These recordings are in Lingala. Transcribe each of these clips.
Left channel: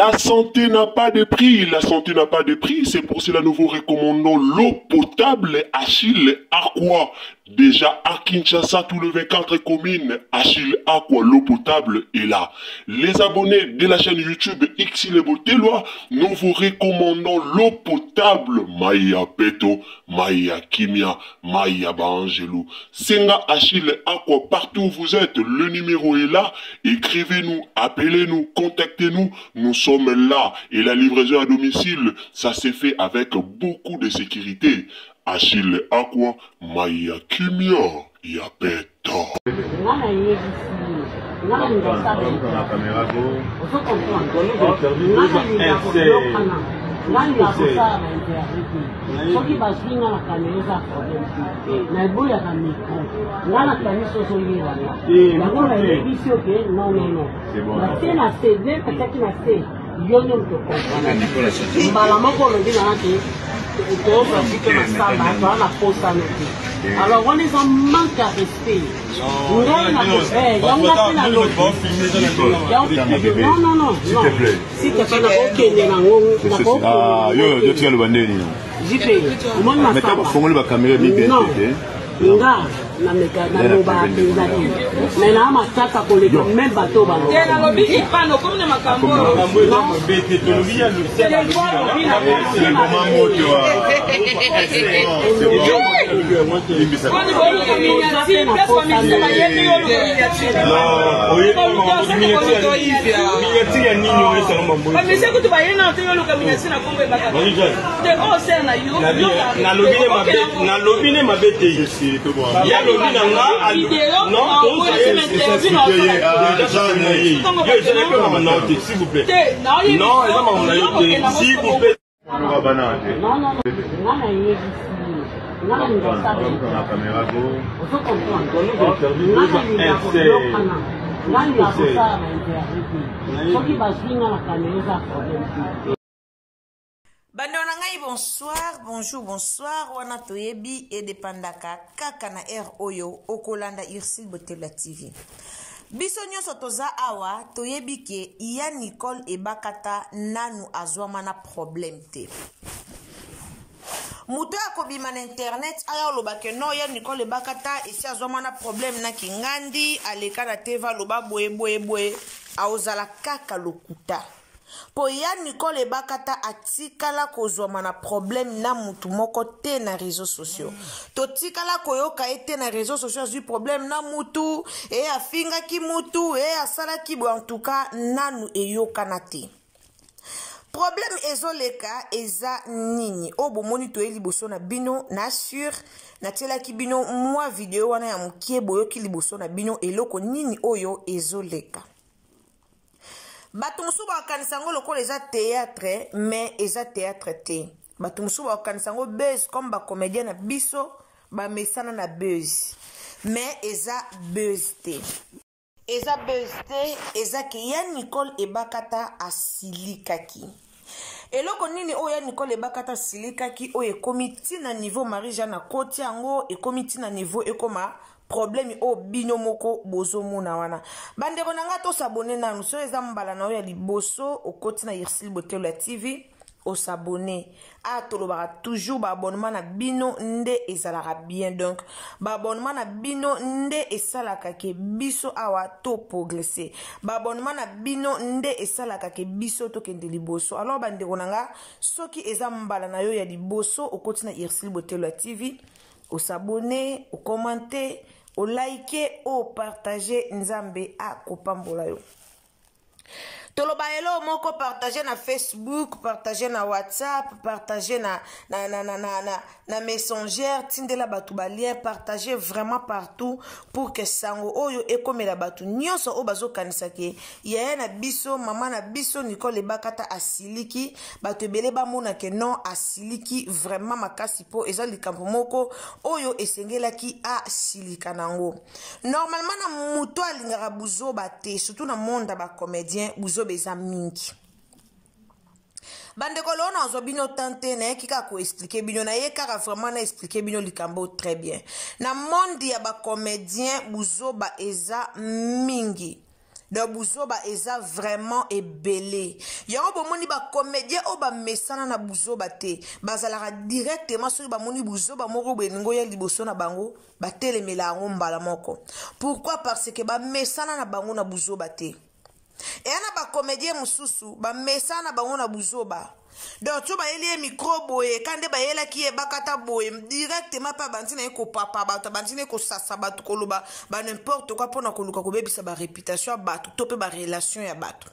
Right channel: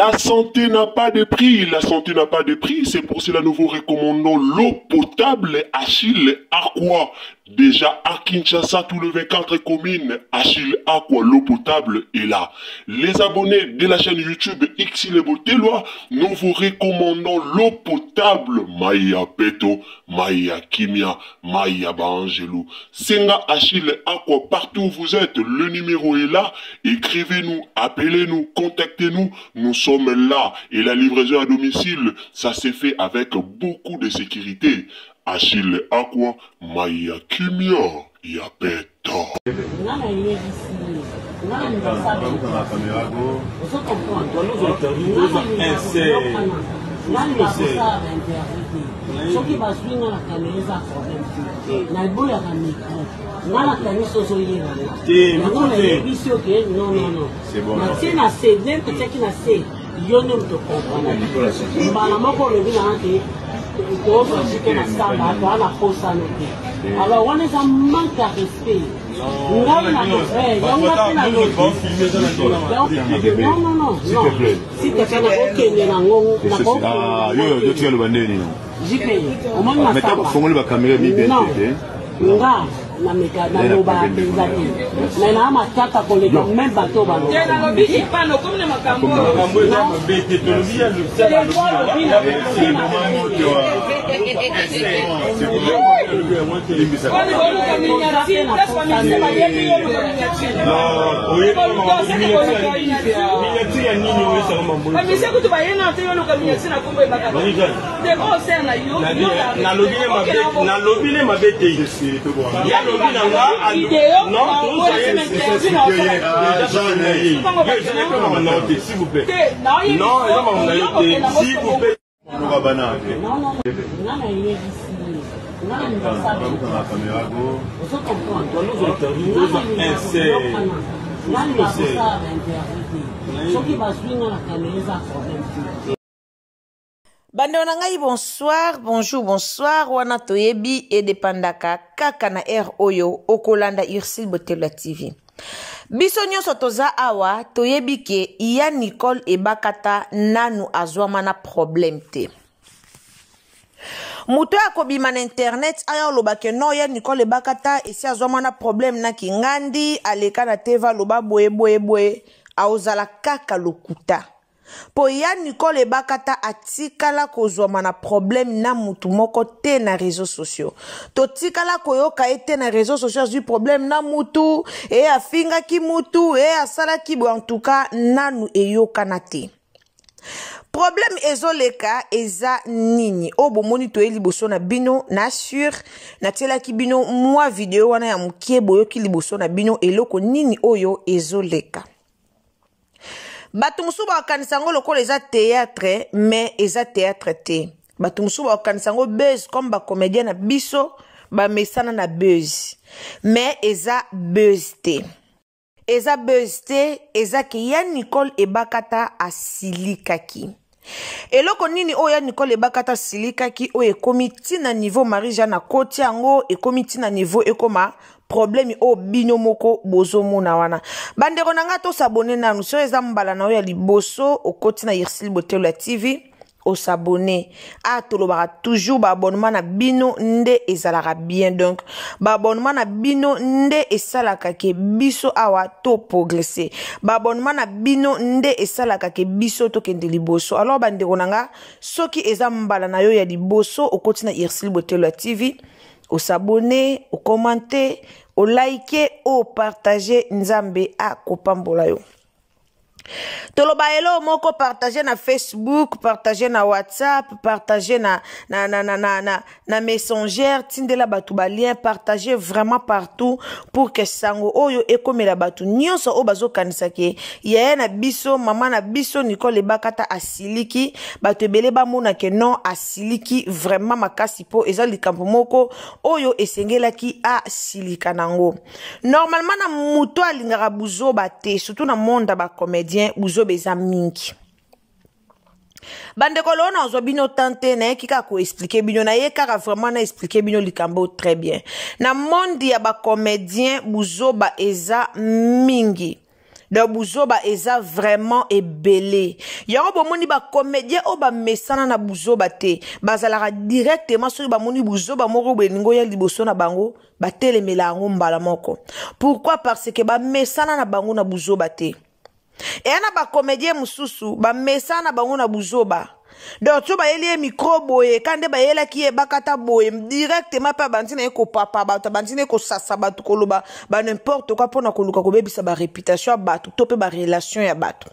La santé n'a pas de prix, la santé n'a pas de prix, c'est pour cela que nous vous recommandons l'eau potable Achille Aqua. Déjà à Kinshasa, tous les 24 communes, Achille Aqua, l'eau potable est là. Les abonnés de la chaîne YouTube Xile Botelwa, nous vous recommandons l'eau potable Maya Peto, Maya Kimia, Maya Bangelou. Senga Achille Aqua, partout où vous êtes, le numéro est là. Écrivez-nous, appelez-nous, contactez-nous. Nous sommes là et la livraison à domicile, ça s'est fait avec beaucoup de sécurité. Achille Aqua, Maya Kimia, Yapeto. soki baswinga na kaneza problème na eboya ka micro ngala kaniso so yeba yango na yebisi oke non na tie na CD petaki na C yo ne to comprendre mbala moko lobi na ke to basike na samba to na posa no te alors on est en manque à respect non s'il te plaît s'il te plaît na kokende na ngongo na ko yo tu vas le bandeni non JP omoni na samba fongoli ba caméra mi bien nga na meka na loba pezaki na na matata koleka même bateau ba te na lobi ipano comme na makambo eza mabete to lobi ya le sala c'est le moment moto s'il vous plaît. Bande na ngai bonsoir, bonjour, wana toyebi et depandaka kaka na air oyo okolanda Ursile Botelwa TV. Biso nyonso toza awa toyebi ke iya Nicole ebakata nanu azwama na problème te. Muto akobima na internet aya loba ke no ya Nicole ebakata esi azwama na problème na kingandi aleka na teva loba boye aozala kaka lokuta. Po ya Nicole ebakata atikala kozwama na problème na mutu moko te na réseaux sociaux. To tikala koyoka ete na réseaux sociaux du problème na mutu e afinga ki mutu e asala ki bo en tout cas nanu eyoka na te. Problème ezoleka eza nini obo monito eliboso na bino na sur na tela ki bino mwa video wana ya mukie boyoki liboso na bino eloko nini oyo ezoleka. Batu musu ba kanisango lokola eza théâtre mais eza théâtre te. Batu musu ba kanisango buzz comme ba comédien na biso ba mesana na buzz mais eza buzz te. Eza buzz te eza ki ya Nicole ebakata asilikaki. Eloko nini oya Nicole ebakata silikaki o ekomiti na niveau Marie-Jeanne na koti yango ekomiti na niveau ekoma problème o bino moko bozo mona wana. Bandeko nanga to s'abonner na nous sur mbala na ya liboso o koti na Ursile Botelwa TV o s'abonner a tolobara toujours ba abonnement na bino nde ezalaka bien donc ba abonnement na bino nde esalaka ke biso awa to progresser ba abonnement na bino nde esalaka ke biso to kende liboso. Alors bandeko nanga soki eza mbala na yo ya liboso o koti na Ursile Botelwa TV au s'abonner, au commenter, au liker, au partager nzambe a kopambola yo. Toloba elo moko partager na Facebook, partager na WhatsApp, partager na Messenger, tindela batu ba lien, partager vraiment partout pour que sango oyo ekomela batu nyonso o bazo kanisa ke ya na biso mama na biso Nicole ebakata asiliki batu ebele ba mona ke non asiliki vraiment makasi po eza likambo moko oyo esengelaki asilika nango. Normalement na muto alingaka buzoba te surtout na monde ba comédien buzo beza mingi. Bande kolona ozwa bino tante na ekika ko expliquer bino na yekaka vraiment na expliquer bino likambo très bien. Na monde ya ba comédien buzo ba eza mingi. de buzoba eza vraiment ebele. Yango bomoni ba comédien o ba mesana na buzoba te. Bazalaka directement sur ba moni buzoba moko beningo ya liboso na bango ba telemela ngo mbala moko. Pourquoi? Parce que ba mesana na bango na buzoba te. Et na ba comédien mususu ba mesana na bango na buzoba. Donc tu ba yeli micro boye kande ba yela ki e bakata boye directement pa bantina eko papa ba bantina eko sasa ba tukoloba ba n'importe quoi pona koluka ko bebisa ba réputation ba to pe ba relation ya bato.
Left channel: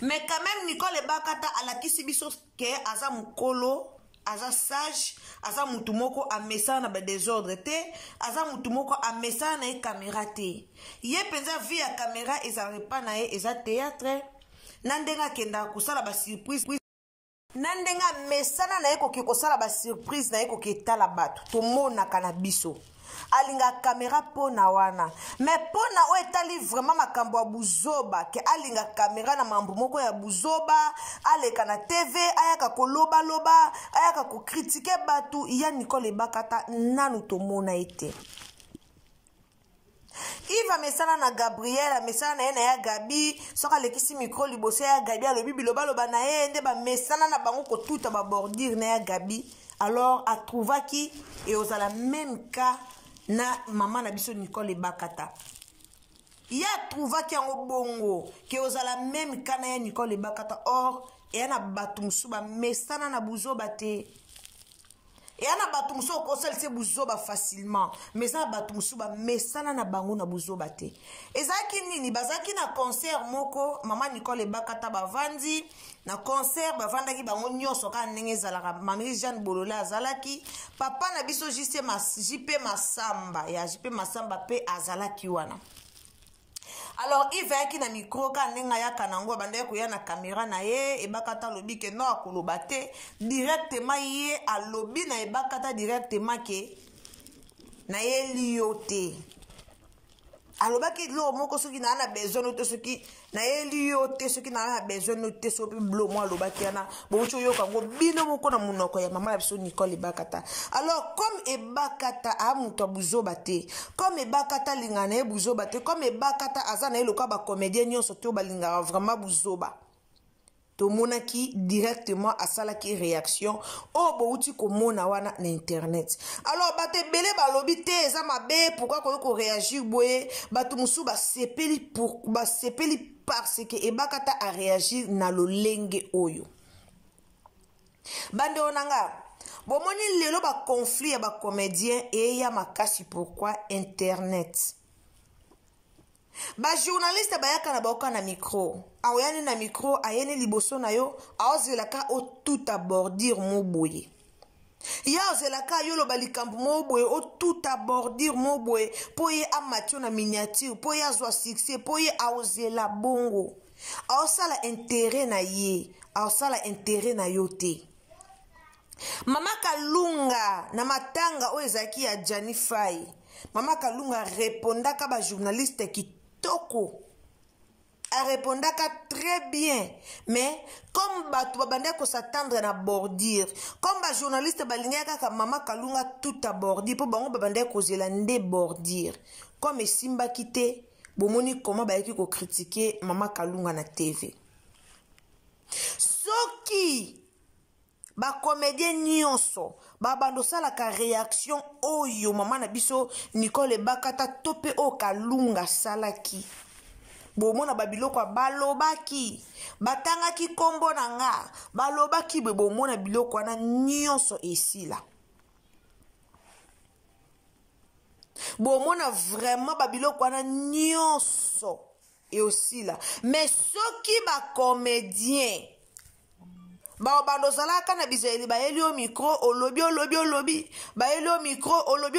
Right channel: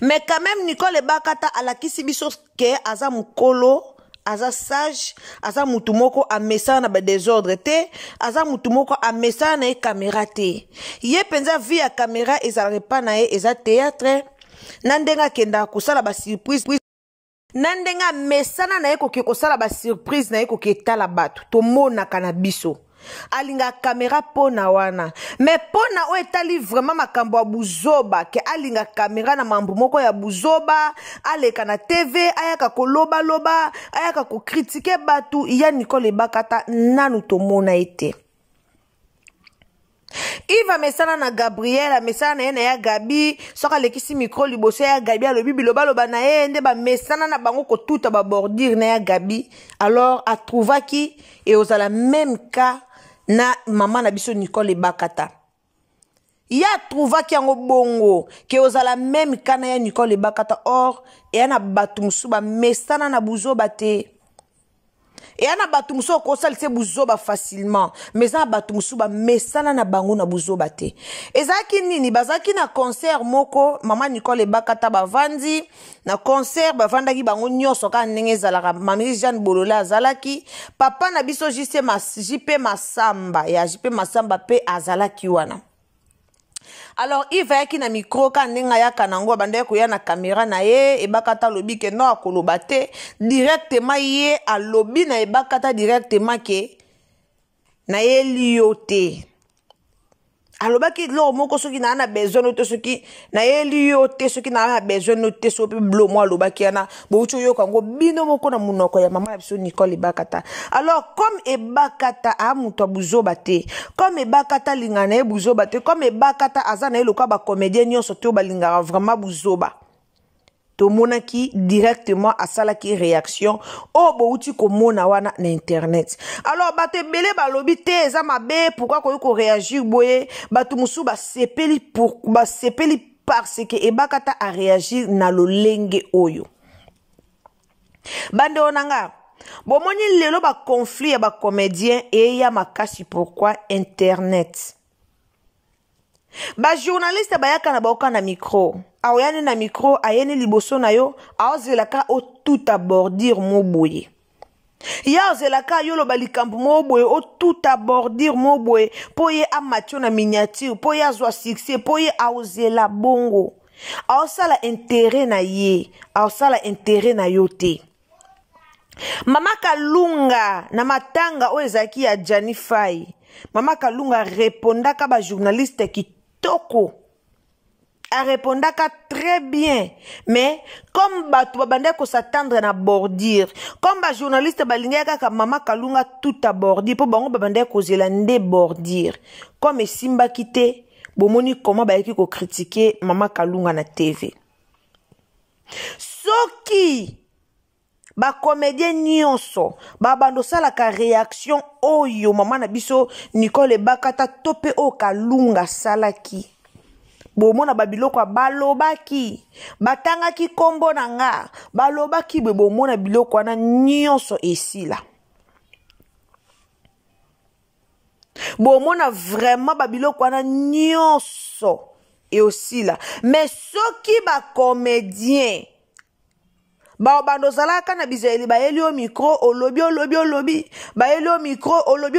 Mais quand même Nicole Bakata alakisi biso ke aza mukolo aza sage aza mutumoko a mesana na ba désordre te aza mutumoko a mesana na e caméra te ye penza via ya caméra ezalaka pa na ye eza théâtre nandenga kenda kusala ba surprise nandenga mesana na ye koke kosala ba surprise na ye koke etala bato tomonaka na biso alinga caméra pona wana mais pona o etali vraiment makambo ya buzoba ke alinga caméra na mambo moko ya buzoba aleka na TV ayaka koloba loba ayaka ko critiquer batu ya Nicole Bakata nanu tomona ete Iva mesana na Gabriel mesana na ya Gabi soka lekisi micro liboso ya Gabi alobi biloba loba na ye nde ba mesana na bango ko tuta ba bordir na ya Gabi alors a trouva ki et aux la même cas na maman na biso Nicole Bakata ya trouva ki yango bongo ke aux la même cas na ya Nicole Bakata or et na batu musuba mesana na buzoba te. Et ana batumuso ko salise buzoba facilement mais ça batumuso ba mesana na bango na buzoba te ezaki nini bazaki na concert moko maman Nicole Bakata bavandi na concert bavandaki bango nyoso ka ndenge zalaka mami Jeanne Bolola azalaki papa na biso JP Masamba ya JP Masamba pe azalaki wana. Alors il va qui na micro ka ndinga ya kanango bande ko ya na caméra na ye e Bakata lobi ke no akoloba te directement ye a lobi na e Bakata directement ke na ye liote aloba ki lo moko soki na besoin to soki na ye liote soki na besoin te so pe blo mo aloba ki na bo cho yo kango bino moko na munoko ya mama ya biso Nicole Bakata. Alors comme e Bakata a muto buzoba te comme e Bakata lingana e buzoba te comme e Bakata azana e loka ba comédien nyonso te balinga vraiment buzoba to monaki directement à sala ki réaction o bouti ko mona wana na internet. Alors bate belé balobi te eza mabe pourquoi ko réagir boye batu musu ba sepeli pour ba sepeli parce que e Bakata a réagir na lolenge oyo bande onanga bomoni lelo ba conflit ya ba comédien et ya makasi pourquoi internet. Ba journaliste bayaka na baoka na micro aoyane na micro ayene liboso na yo aozelaka o tout abordir mo boye ya ozelaka yo lo balikambu mo boye o tout abordir mo boye po ye amatio na miniature po ye azwa succès po ye aozela bongo aosala intérêt na ye aosala intérêt na yo te. Mama Kalunga na matanga o ezaki ya Janifai Mama Kalunga répondaka ba journaliste ki toko a répondaka très bien mais comme batu babande ko s'attendre na bordir comme ba journaliste balingaka ka Mama Kalunga tout à bordir po bango babande ko zela nde bordir comme simba kité bomoni comment ba yaki ko critiquer Mama Kalunga na TV soki ba comédien nyonso ba bando sala ka réaction oyo mama na biso Nicole Bakata tope o Kalunga salaki bomona babiloko balobaki batangaki kombo nanga balobaki bomona biloko na nyonso esila bomona vraiment babiloko na nyonso et aussi là mais soki ba comédien ba bando zalaka na bizeli ba elio micro olobi ba elio micro olobi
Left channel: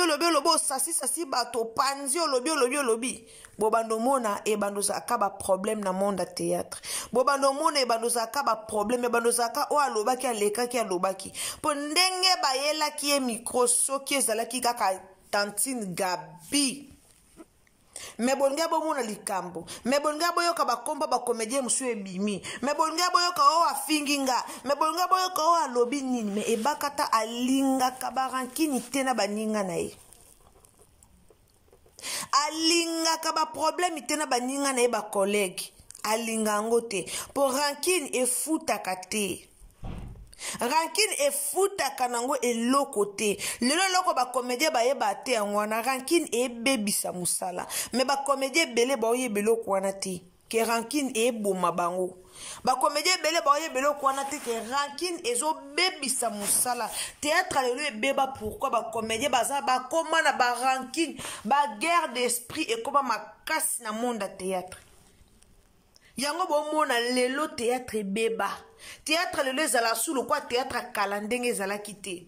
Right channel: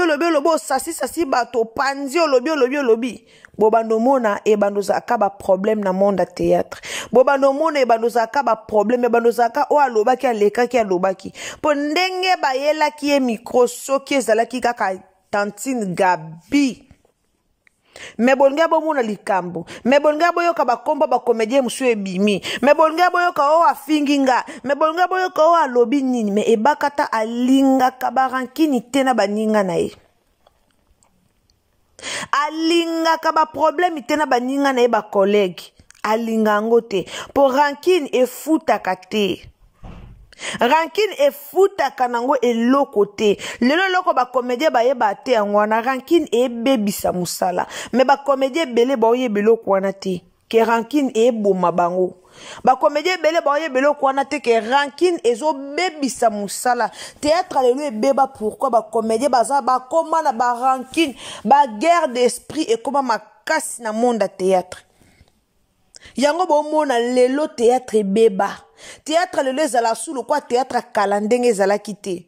sasi bato panzi olobi bo bando mona e bando zaka ba problème na monde théâtre bo bando mona e bando zaka ba problème e bando zaka o alobaki alekaki alobaki po ndenge ba yelaki e micro soki ezalaki kaka Tantine Gabi me bolnga bo mona likambo me bolnga boyoka bakomba ba comédien musu ebimi me bolnga boyoka o afinginga me bolnga boyoka o alobi nini me e Bakata alinga kabarankini tena baninga na ye alingaka ba problème te na baninga na ye ba collègue alinga ngo te po rancune efutaka te rancune efutaka nango eloko te lelo loko ba comédien ba yeba te yango wana rancune ebebisa musala mais ba comédien belé ba oyeba eloko wana te ke rancune eboma bango ba comédien belé ba oyeba eloko wana te ke rancune ezobebisa musala théâtre lelo ebeba pourquoi ba comédien baza ba koma na ba rancune ba guerre d'esprit et koma makasi na monde à théâtre yango bomona lelo théâtre ebeba théâtre lelo ezala sulu kwa théâtre kala ndenge ezala kite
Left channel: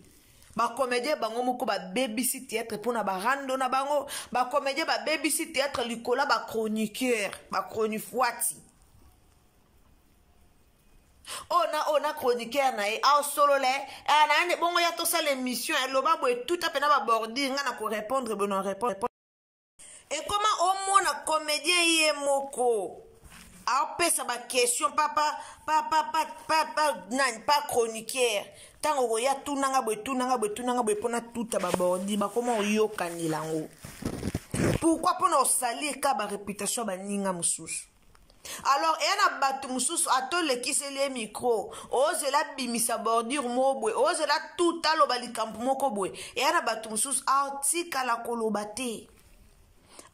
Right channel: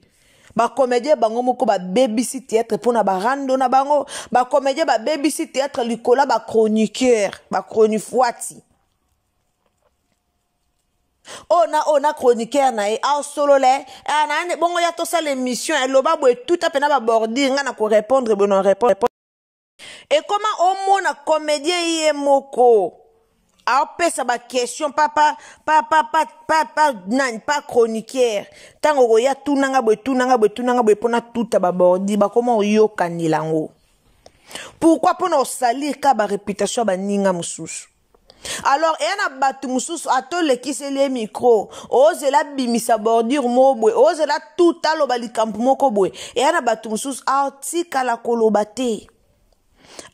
ba comédien bango moko ba bebisi théâtre pona ba rando na bango ba comédien ba bebisi théâtre likola ba chroniqueur ba chronifuati ona chroniqueur na e a solo le ana bongo ya to sa l'émission eloba bo tout a pena ba bordir nga na ko répondre bon répondre et comment au mona comédien yé moko apesa ba question pas chroniqueur tango ya tunanga boy pona tuta ba bordi ba comment oyoka nilango pourquoi pona salir ka ba réputation ba ninga mususu alors ena batu mususu atole kisele micro ozela bimisa bordure mobwe ozela tuta lo balikampu moko bwe ena batu mususu artika la kolobate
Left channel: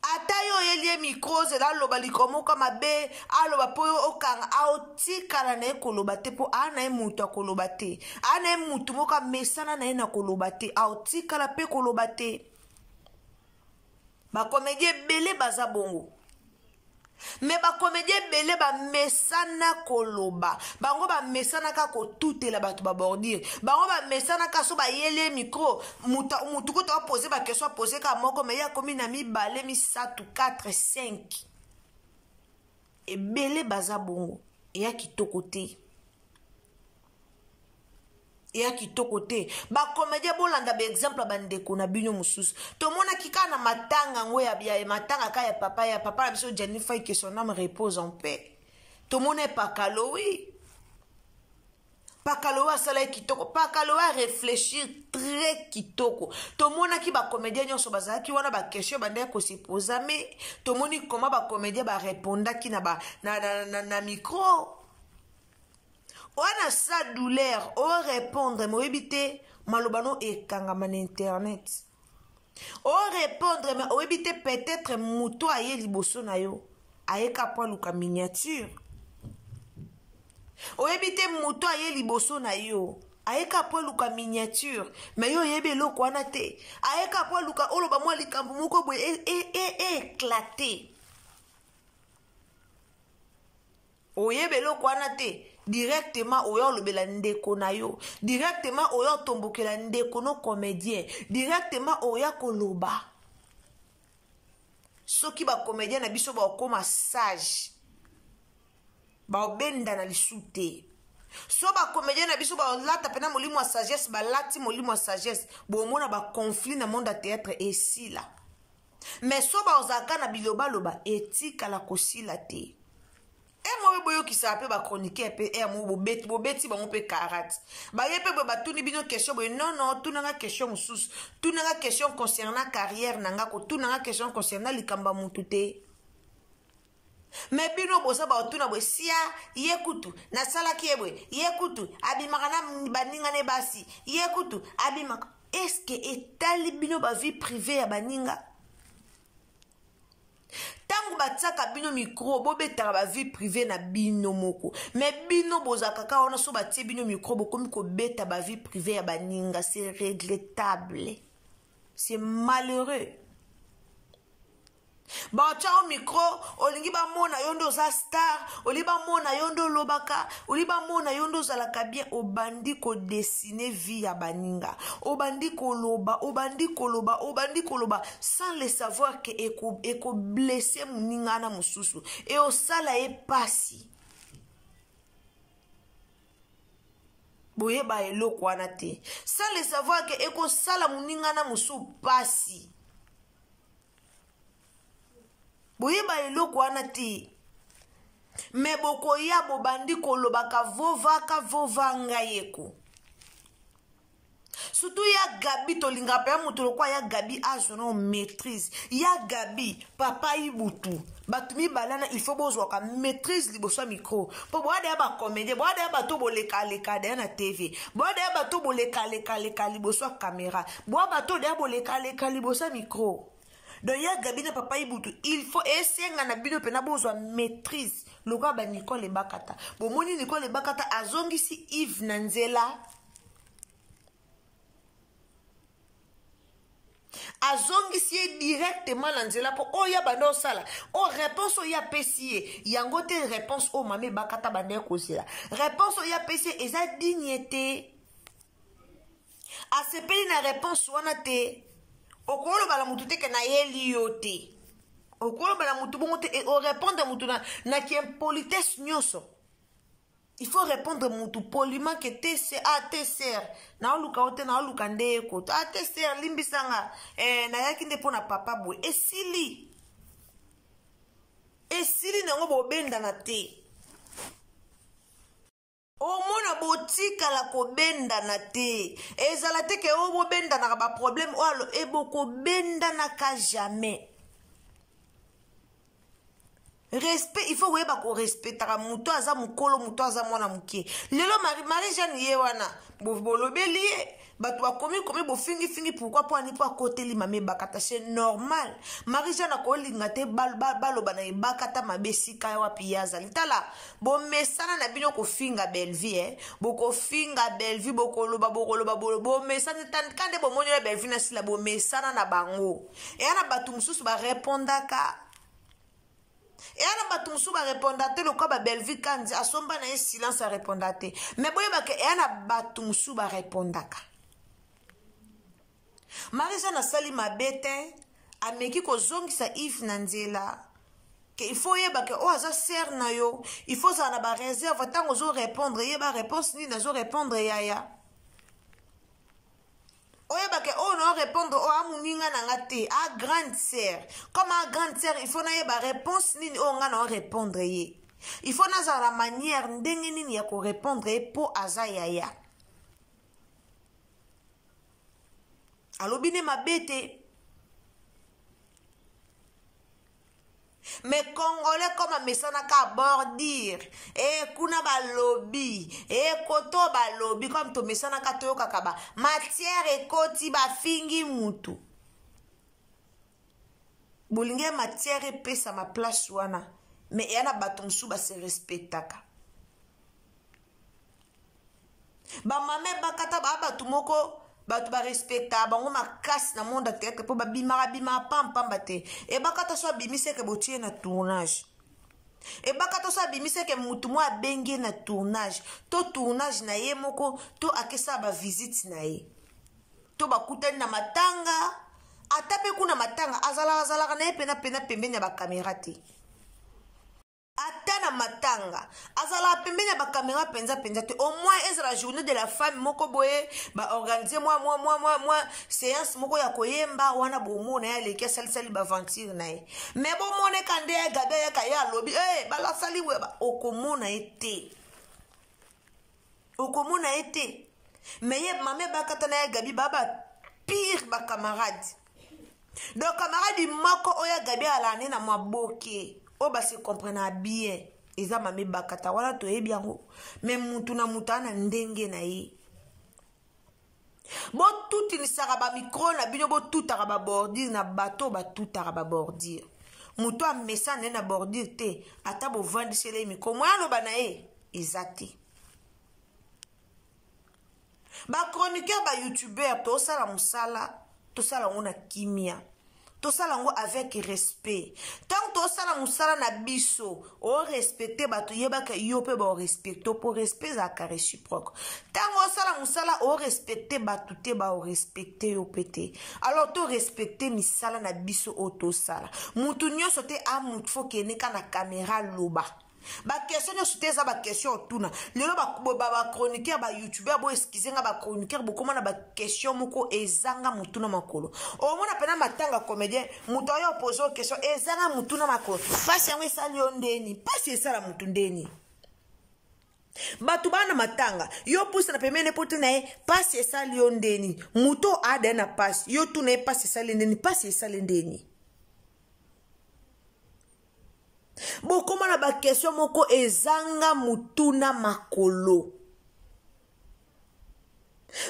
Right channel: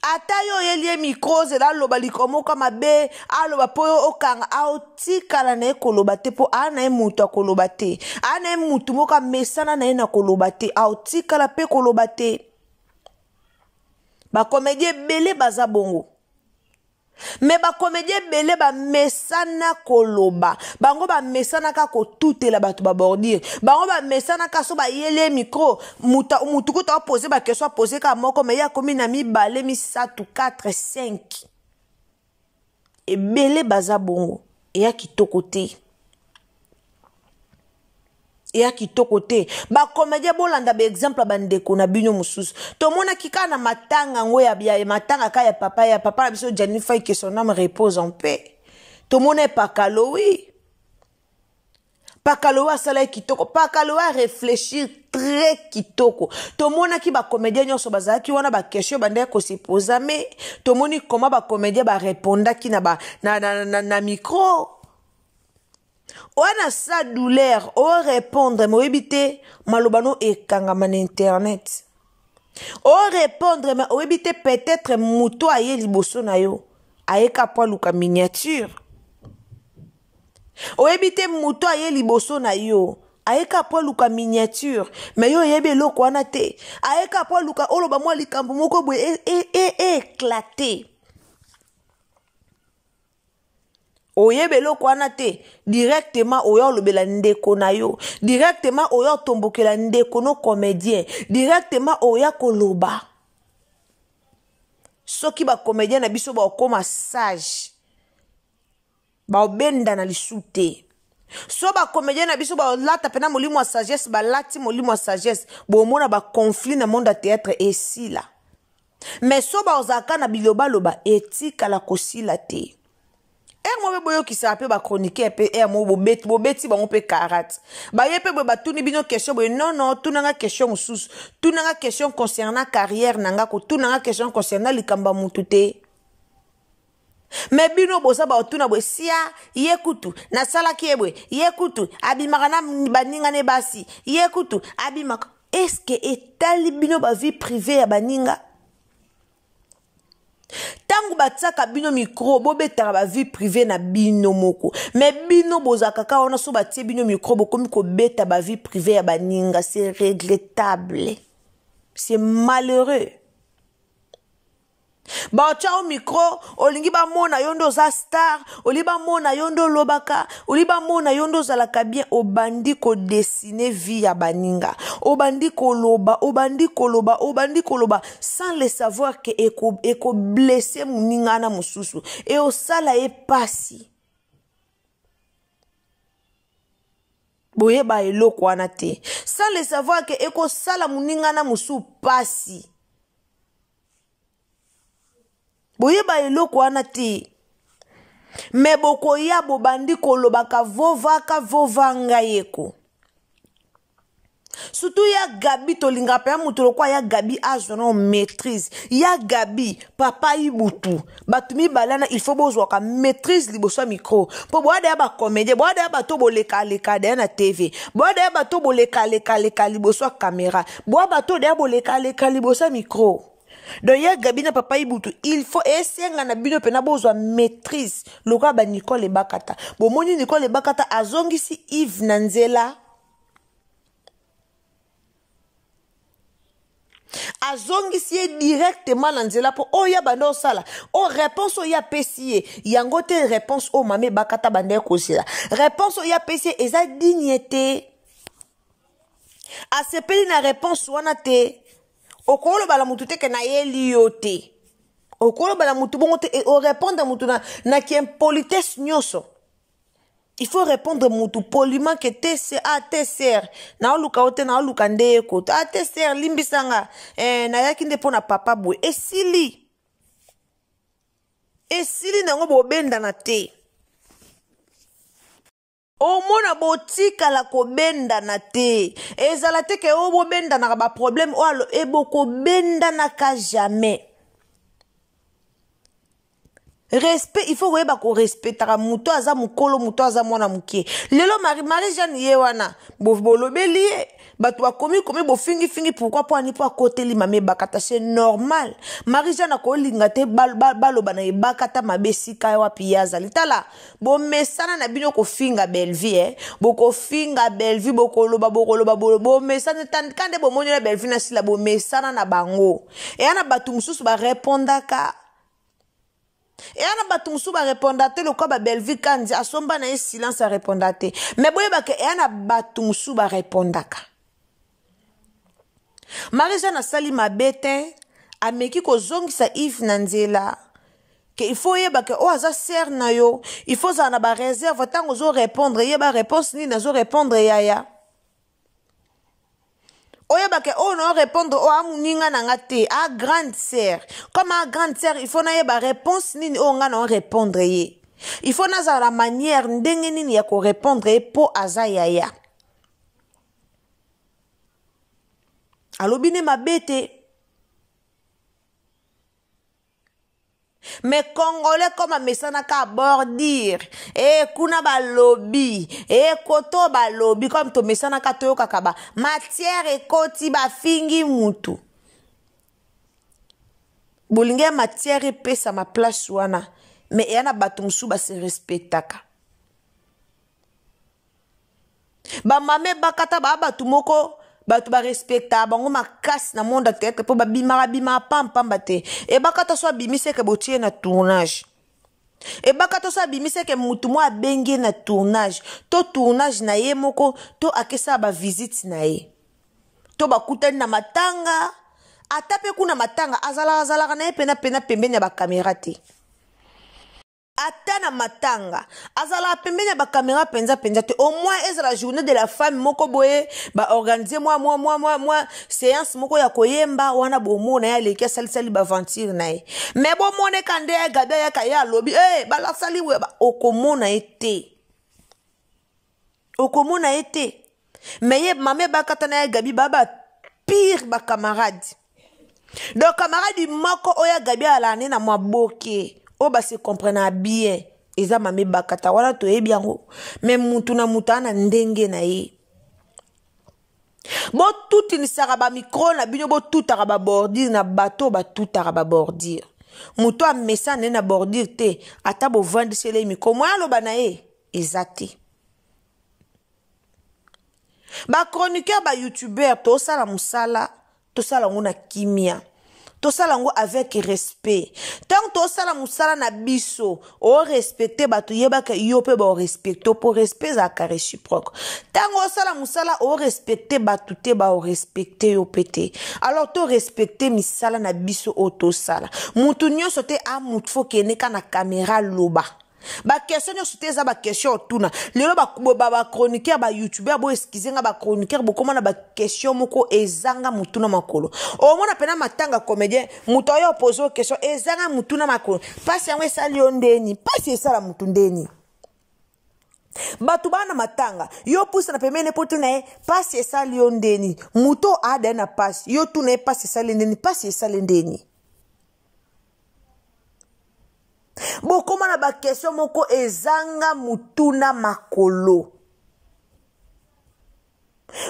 ata yo yelie micro zela loba likomo kama be aloba po okanga autika la na ekoloba te po ana emutu akoloba te ana emutu moka mesana na ena koloba te autika la pe koloba te ba comédien belé baza bongo mais ba comédien belé ba mesana koloba bango ba mesana ka ko tutela batu ba bordir bango ba mesana ka so ba yele micro mutu ko ta poser ba question poser ka moko mais ya komi na mi balé mi 4 5 et belé baza bongo et ya kitoko te et kitoko te ba comédien bolanda ba exemple ba ndeko na bino mususu to mona kika na matanga ngo ya matanga ka ya papa biso Jennifer que son âme repose en paix to mona pakalowi sala kitoko pakalowa réfléchir très kitoko to mona ki ba comédien nyoso bazala ki wana ba question bande ko se poser mais to moni comment ba comédien ba répondre ki na micro Oana sa douleur, o répondre, mo ebite, malobano e kangama na internet. O répondre, mais o ebite peut-être muto aye liboso na yo, aye kapwa luka miniature. O ebite muto aye liboso na yo, aye kapwa luka miniature, mais yo yebe loko wana te, aye kapwa luka oloba mwa likambo moko bwe éclaté. Oyebe loko wana te directement oyo lobela ndeko na yo directement oyo tombokela ndeko no comédien directement oyo koloba soki ba comédien na biso ba koma sage ba obenda na lisute so ba comédien na biso ba lata pena molimo wa sagesse ba lati molimo wa sagesse bo mona ba conflit na monde à théâtre et si là mais so ba ozaka na biloba loba etika la kosila te moi boyo ki sa pe ba chroniquer pe mo bobeti ba on pe karate ba ye pe ba tuni bino question bo non tunanga question mususu tunanga question concernant carrière nanga ko tunanga question concernant likamba mutute mais bino bosa ba tuna bo sia yekutu na sala kiebwe yekutu abimaka na baninga ne basi yekutu abimaka est-ce que etali bino ba vie privée ya baninga tangu batsaka bino micro bobetaka ba vie privée na bino moko mais bino bozaka ka ona so batie bino micro bokomi ko beta ba vie privée ya baninga c'est regrettable c'est malheureux ba chao micro olingi ba mona yondo za star oliba mona yondo lobaka oliba mona yondo za la bien obandi ko dessiner vie ya baninga obandi ko loba sans le savoir que eko blesser muninga na mususu et o sala e pasi boye ba eloko wana te sans le savoir que eko sala muninga na musu pasi boye ba eloko wana te me boko ya bobandi kolobaka vovaka vovanga yeko surtout ya Gabi tolinga pe mutolo kwa ya Gabi ajono maîtrise ya Gabi papa ibutu batumi balana il faut bozwa ka maîtrise liboso micro po boade ya ba comédien boade ya bato boleka leka de na TV boade ya bato boleka leka liboso caméra boade bato de boleka leka liboso micro. Donc ya Gabi na papa ibutu il faut essayer na bino pena bozwa maîtrise loka ba Nicole Bakata bo moni Nicole Bakata azongisi Yves Nanzela azongisi directement Nanzela po oya bando sala o réponse oya pesier yango te réponse o mame Bakata bande kosila réponse oya pesier eza dignité asepeli na réponse wana te okolo bala mutu te ke na yeli yote okolo bala mutu bongo te o répondre mutu na ki impolitesse nyoso il faut répondre mutu poliment que te se a te ser na oluka ote na oluka nde ko a te ser limbisanga na yaki nde pona papa boy esili nango bobenda na te omona botika la kobenda na te ezala te ke o bobenda na ba problème o alo eboko benda na ka jamais respect il faut weba ko respectera muto aza mukolo muto aza mwana mukie lelo Marie Jeanne ye wana bolobeli batu bakomi bo fingi pourquoi po ani po akoteli mame Bakata c'est normal Marie Jeanne ko linga te baloba na Bakata mabesika wapi yazali tala bo mesana na bino ko finga Bellevue boko finga Bellevue boko loba bo mesana kande bo monyo Bellevue na sila bo mesana na bango e ana batu mususu ba répondaka et ana batumsu ba répondate le ko ba Bellevue kanzi asomba na silence a répondate mais boye ba ke ana batumsu ba répondaka Marisa na sali mabete ameki ko zongisa Yves Nanzela que il faut yeba ke o aza ser na yo il faut za na ba réserve tango zo répondre yeba réponse ni na zo répondre yaya oyeba ke o non répondre o amuninga na ngate a grande sœur comme a grande sœur il faut na yeba réponse nini o nga na répondre ye il faut na za la manière ndenge nini ya ko répondre po aza yaya alobine mabete mais Congolais comme mesana ka bordir et kuna ba lobby et koto ba lobby comme to mesana ka toyo kakaba matière et koti ba fingi mutu bolinga matière et pesa ma place wana mais yana batumsu ba se respectaka ba mame Bakata ba batumoko batu ba respecta bango makasi na monde tete po ba bima pamba te e Bakata so bimise ke botie na tournage e Bakata so bimise ke mutu mo abengi na tournage to tournage na ye moko to akesa ba visite na ye to bakutani na matanga atape kuna matanga azala na ye pena pembeni ya ba caméra te atana matanga azala pembeni ya ba caméra penza te au moins est la journée de la femme moko boye ba organiser moi séance moko ya koyemba wana bomona ya leki sali ba aventure na ye mais bomone kande ya gada ya kaya lobby ba la sali we ba okomona ete mais ye mame Bakata na ya Gabi baba pire ba camarade donc camarade moko oya Gabi ala na mwa boke o ba se comprendre bien eza mame Bakata wala to e bien mais mutu na mutana ndenge na ye bo tout ni saraba micro na bino bo tout araba bordir na bateau ba tout araba bordir mutu a mesane na bordir te ata bo vendre chez les micro moi lo ba na ye ezati ba chroniqueur ba youtubeur to sala musala to sala ngona kimia to sala ngo avec respect tant to sala musala na biso o respecter batu yeba ke yo pe ba respecter pour respect za ka réciproque tant o sala musala o respecter batu te ba o respecter yo pete alors to respecter misala na biso o to sala mutu nyoso te a mutu fo ke ne kana caméra loba ba question yo sute za ba question tuna lelo ba chroniqueur ba youtubeur bo excusez nga ba chroniqueur bo komona ba question moko ezanga mutuna makolo o mona pena matanga comédien muto yo pose question ezanga mutuna makolo pasi yango esali yo ndeni pasi esala mutu ndeni Batu bana matanga yo pusa na pemene poto na pasi esali yo ndeni muto ada na pasi yo tu na pasi esali ndeni pasi esali ndeni bokoma na ba question moko ezanga mutuna makolo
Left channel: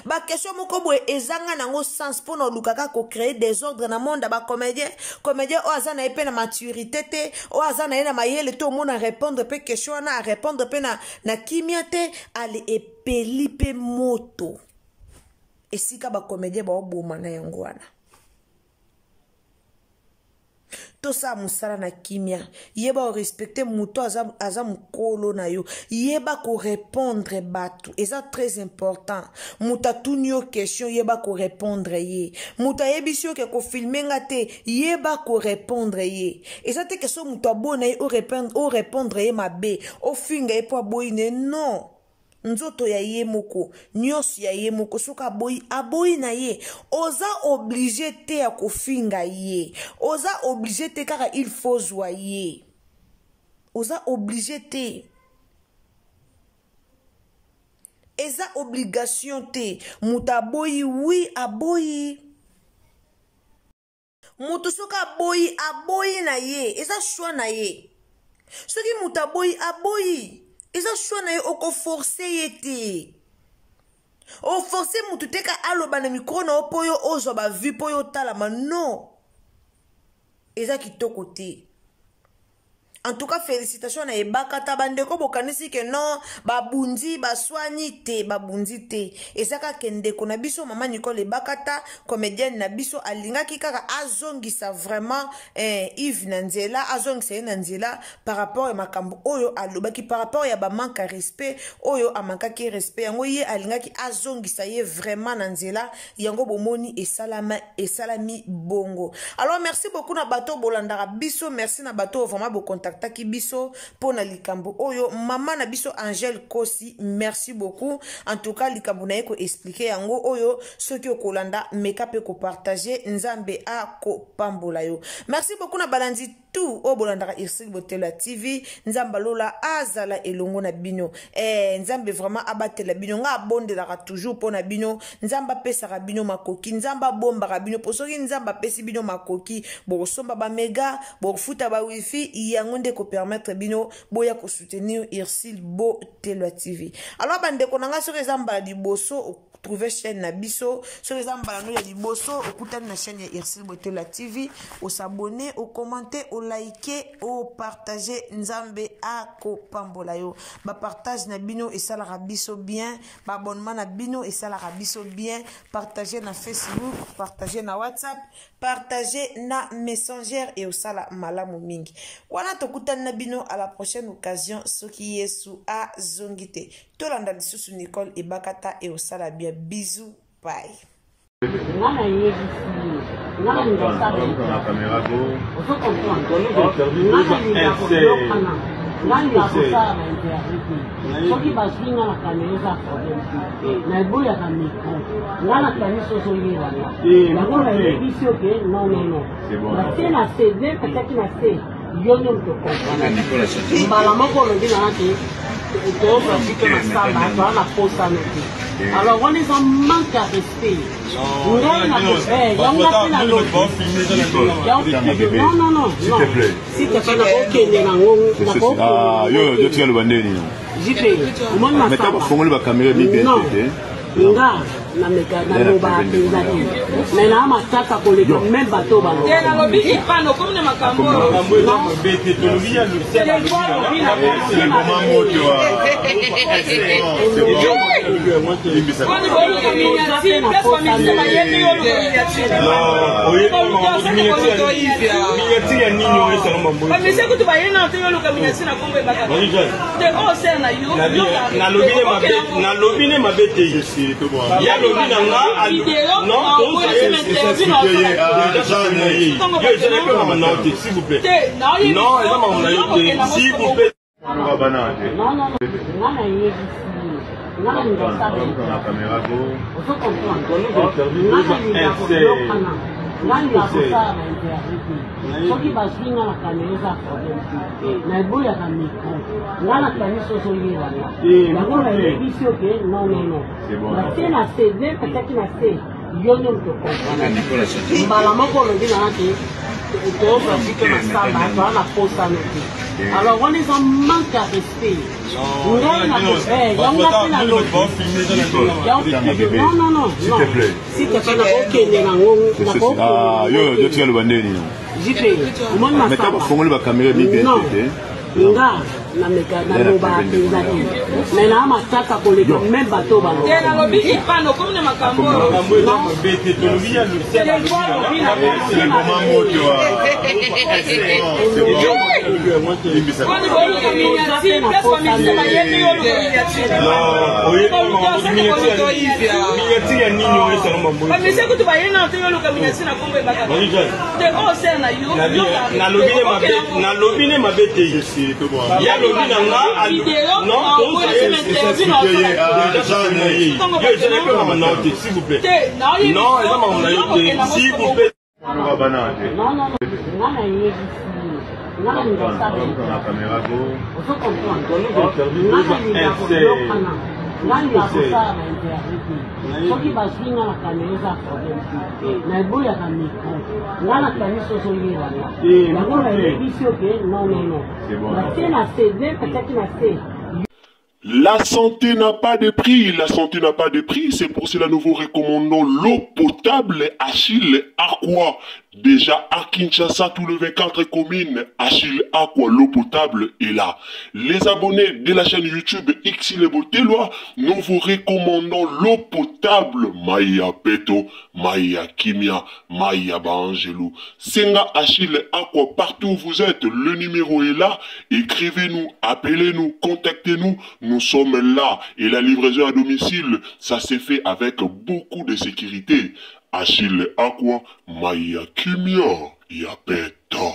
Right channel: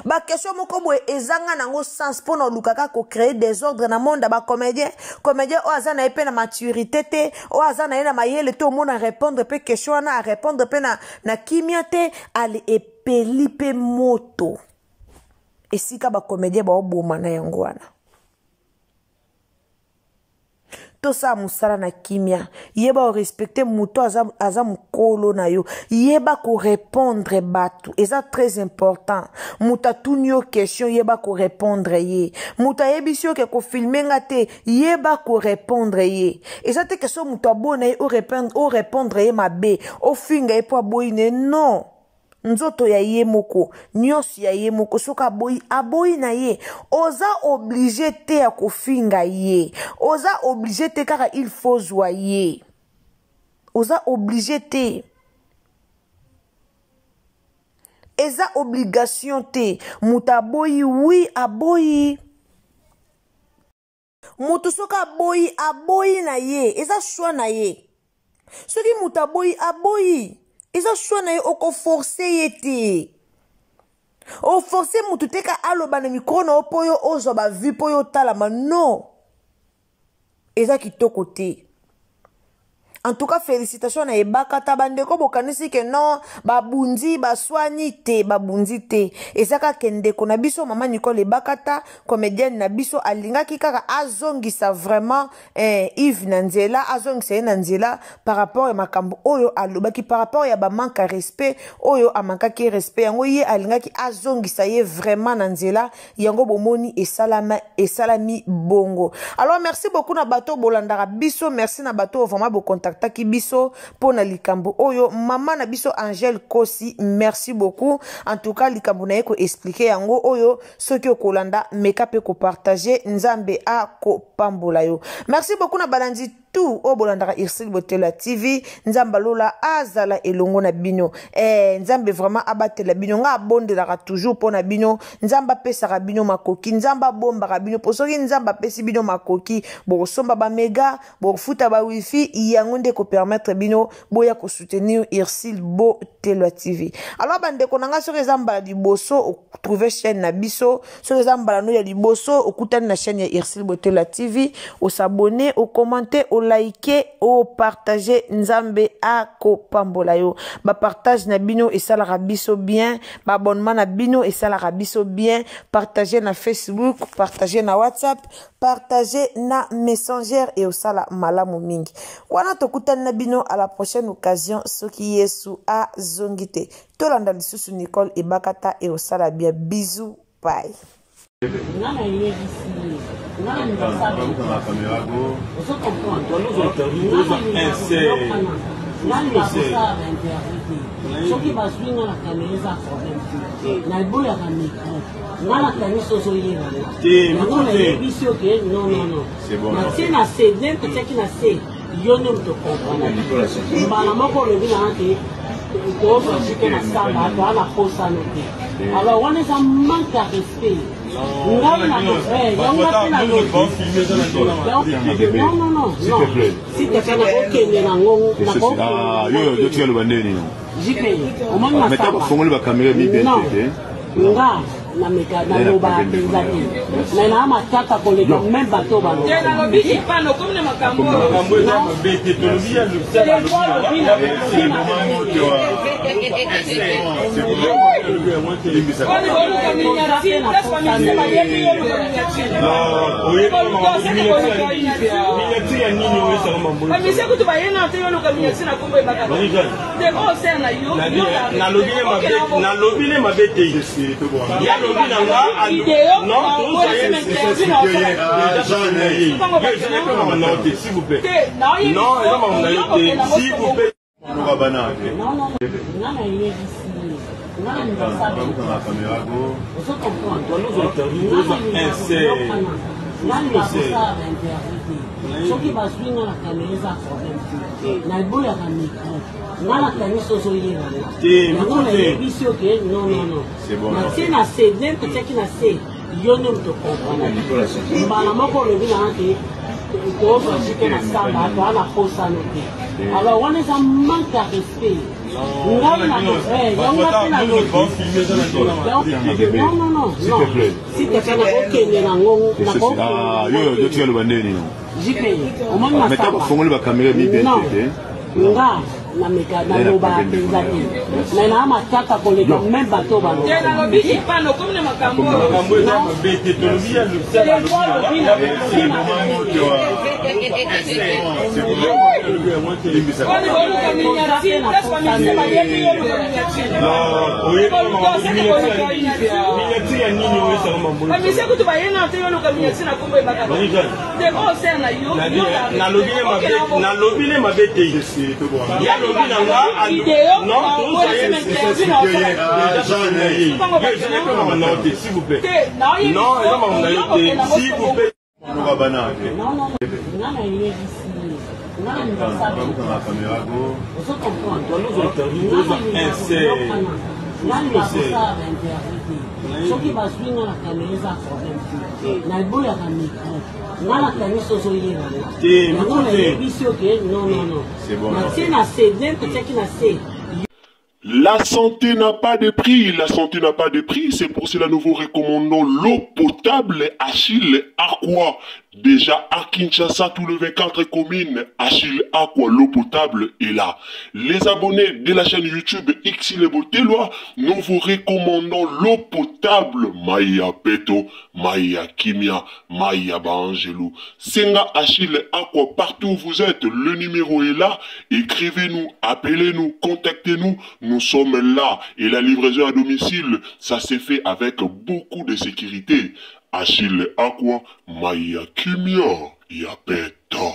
ba question moko boye ezanga nango sens pona lukaka ko créer désordre na monde ba comédien o azana epena maturité te o azana ena mayele to mona répondre pe question na répondre pe na kimia te ali epeli pe moto esika ba comédien ba oboma na yango wana to sa musala na kimia yeba o respecter muto aza mukolo na yo yeba ko répondre batu eza très important muta tunyo question yeba ko répondre ye muta yebisio ke ko filmenga te yeba ko répondre ye eza te question muto abona ye o répondre ye mabe o finga ye po aboyine non nzoto ya ye moko nyos ya ye moko soka aboyi na ye oza obligé te ya kofinga ye oza obligé te kaka il faut zwa ye oza obligé te eza obligation te muta aboyi oui aboyi mutu soka aboyi na ye eza choix na ye soki muta aboyi eza choix na ye oko forcer ye te o forcer mutu te ka aloba na micro na po yo ozwa ba vue po yo talama non eza kitoko te. En tout cas, félicitations à Ebakata bandeko bokanisi ke non babundi baswani te babundi te. Ezaka kendeko na biso mama Nicole Ebakata comédienne na biso alinga kikaka azongisa vraiment Yves Nanzela azongisa Nanzela par rapport à makambo oyo alobaki par rapport ya ba manque à respect oyo amanka ki respect yango ye alinga ki azongisa ye vraiment Nanzela yango bomoni esalami bongo. Alors merci beaucoup na bato bolandara biso merci na bato vraiment bo contact taki biso pona likambo oyo mama na biso Angel Kosi merci beaucoup en tout cas likambo na eko expliquer yango oyo soki okolanda meka pe ko partager nzambe a ko pambola yo merci beaucoup na balandi tout o bolandaka Irsil Botela TV nzamba lola azala elongo na bino nzambe vraiment abatela bino nga abondelaka toujours pona bino nzamba pesaka bino makoki nzamba bombaka bino posoki nzamba pesi bino makoki bosomba ba mega bofuta ba wifi yango nde ko permettre bino boya ko soutenir Irsil Botela TV. Alors bande ko nanga soki nzamba di boso trouver chaîne na biso soki nzamba no ya di boso okutani na chaîne ya Irsil Botela TV o s'abonner o commenter o liker o partager nzambe a ko pambola yo ba partage na bino et ça la rabiso bien ba abonnement na bino et ça la rabiso bien partager na Facebook partager na WhatsApp partager na Messenger et au sala malamu mingi wana tokutana na bino à la prochaine occasion soki Yesu a zongite tolanda lisusu Nicole Ebakata et au sala bien bisous bye. soki baswinga na kamera problème te na eboyaka micro nga na kaniso ozoyebanga yango nayebisi oke non natie na cd mpetiaki na se yo nde moto comprendre mbala moko olobi nanga ke toobasike masamba toa na posano te alors wana eza manque à respect ngai na non s'il te plaît nakokende nango yo tika loba ndeni jipe omoni masamba nga na meka na loba penza te mais na matata koleka même bateau ba te na lobi ipano comme na makambo eza mabete tolobi ya lusala c'est le moment moto s'il vous plaît. nani nakosala baintervite soki bazwi nga na kamera eza problème te naeboyaka micro nga na kanisi ozoyebanga yango nayebisi oke non natie na se nem atiaki na se yo nde moto comprendre mbala moko olobi nanga ke toobasike masamba toa na posano te alors wana eza manque à respect ngai na non s'il te plaît nakokende nango yo tikaloba ndeni jipe omoni masamba nga nameka naloba mpenza te me naa matata koleka meme bato te nalobi ipano komi na makambo eza mabe te tolobi ya losala miniatire ya nini oyo esala mambo bamisi kutu bayena te yoluka miniatire na kombo ebaka te oyo osala na yo nalobi ne mabe te yalobi na nga s'il vous plaît non eza makambo na yo te s'il vous plaît soki bazwi nga na kamera eza problème te naeboyaka micro nga na kanisi ozoyebanga yango nayebisi oke non natie na se nem atiaki na se. La santé n'a pas de prix, la santé n'a pas de prix, c'est pour cela nous vous recommandons l'eau potable Achille Aqua. Déjà à Kinshasa, tous les 24 communes, Achille Aqua, l'eau potable est là. Les abonnés de la chaîne YouTube Xile Boteloa, nous vous recommandons l'eau potable Maya Peto, Maya Kimia, Maya Bangelou. Senga Achille Aqua, partout où vous êtes, le numéro est là. Écrivez-nous, appelez-nous, contactez-nous. Nous sommes là et la livraison à domicile, ça s'est fait avec beaucoup de sécurité. Achille Aqua, Maya Kimia, Yapeto.